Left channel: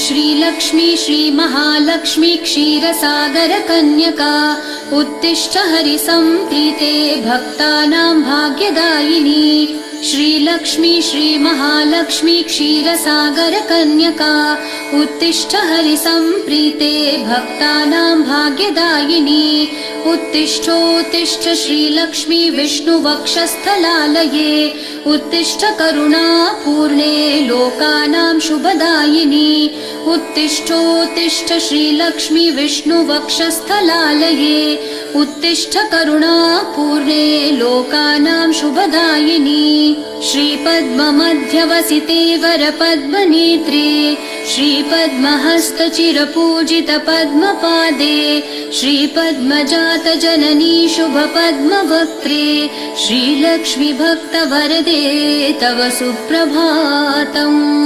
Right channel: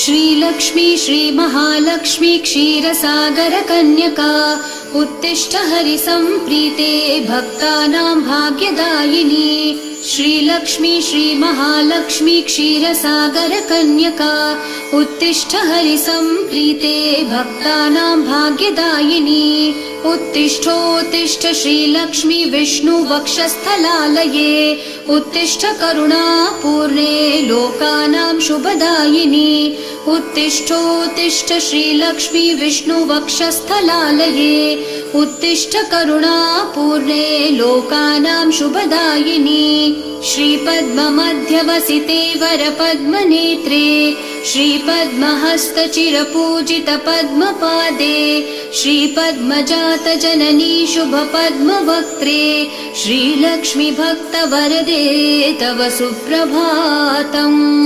श्रीलक्ष्मी श्रीमहालक्ष्मी क्षीरसागर कन्यका उत्तिष्ठ हरिसम्प्रीते भक्तानां भाग्यदायिनी। श्रीलक्ष्मी श्रीमहालक्ष्मी क्षीरसागर कन्यका उत्तिष्ठ हरिसम्प्रीते भक्तानां भाग्यदायिनी। उत्तिष्ठोत्तिष्ठ श्रीलक्ष्मी विष्णुवक्षस्थलालये उत्तिष्ठ करुणापूर्णे लोकानां शुभदायिनी। उत्तिष्ठोत्तिष्ठ श्रीलक्ष्मी विष्णुवक्षस्थलालये उत्तिष्ठ करुणापूर्णे लोकानां शुभदायिनी। श्रीपद्ममध्यवसिते वरपद्मनेत्रे श्रीपद्महस्तचिरपूजित पद्मपादे श्रीपद्मजात जननी शुभपद्मवक्त्रे श्रीलक्ष्मी भक्तवरदे तव सुप्रभातम्।